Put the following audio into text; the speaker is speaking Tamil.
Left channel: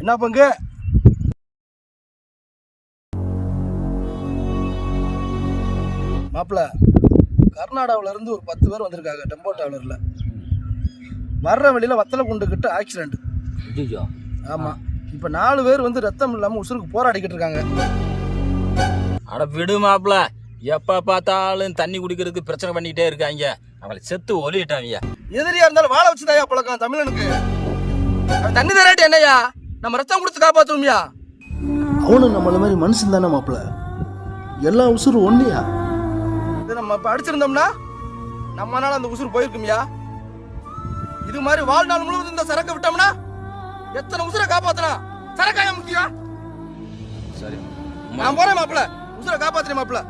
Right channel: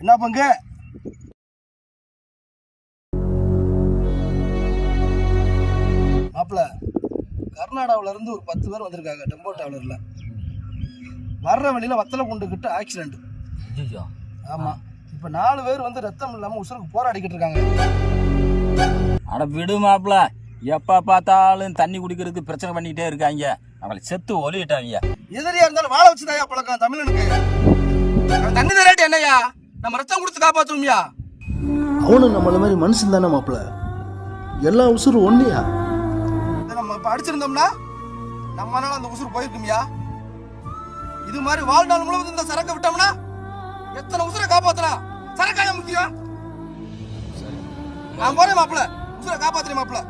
என்ன பங்கு? மாப்பிள்ள, கர்நாடகாவில இருந்து ஒரு 10 பேர் வந்திருக்காங்க டெம்போ டிராவலர்ல. வர்ற வழியில வத்தலை கொண்டுகிட்டு ஆக்சிடென்ட். ஆமா, இப்ப 4 பேர் வந்து ரத்தம் இல்லாம உசுருக்கு போராடிக்கிட்டு இருக்காங்க. அட விடு மாப்பிள்ள, எப்ப பார்த்தாலும் தண்ணி குடிக்கிறதுக்கு பிரச்சனை பண்ணிக்கிட்டே இருக்காங்க. அவங்களை செத்து ஒலிட்டாங்க. எதிரியா இருந்தாலும் வாழ வச்சுதாயா பழக்கம் தமிழனுக்கு. தண்ணி தராட்டி என்னையா, நம்ம ரத்தம் கொடுத்து காப்பாத்துவோம்யா. அவனும் நம்மள மாதிரி மனுஷன் தானே மாப்பிள்ள, எல்லா உசுரும் ஒண்ணுயா. இதை நம்ம இப்ப அடிச்சிருந்தோம்னா நம்மனால அந்த உசுறு போயிருக்கும்யா. இது மாதிரி வாழ்நாள் முழுவதும் இந்த சரக்கை விட்டோம்னா எத்தனை உசுரை காப்பாத்தலாம். சரக்காய முக்கியம். நான் போறேன் மாப்பிள்ள, உசுரை காப்பாத்துறேன் மாப்பிள்ள.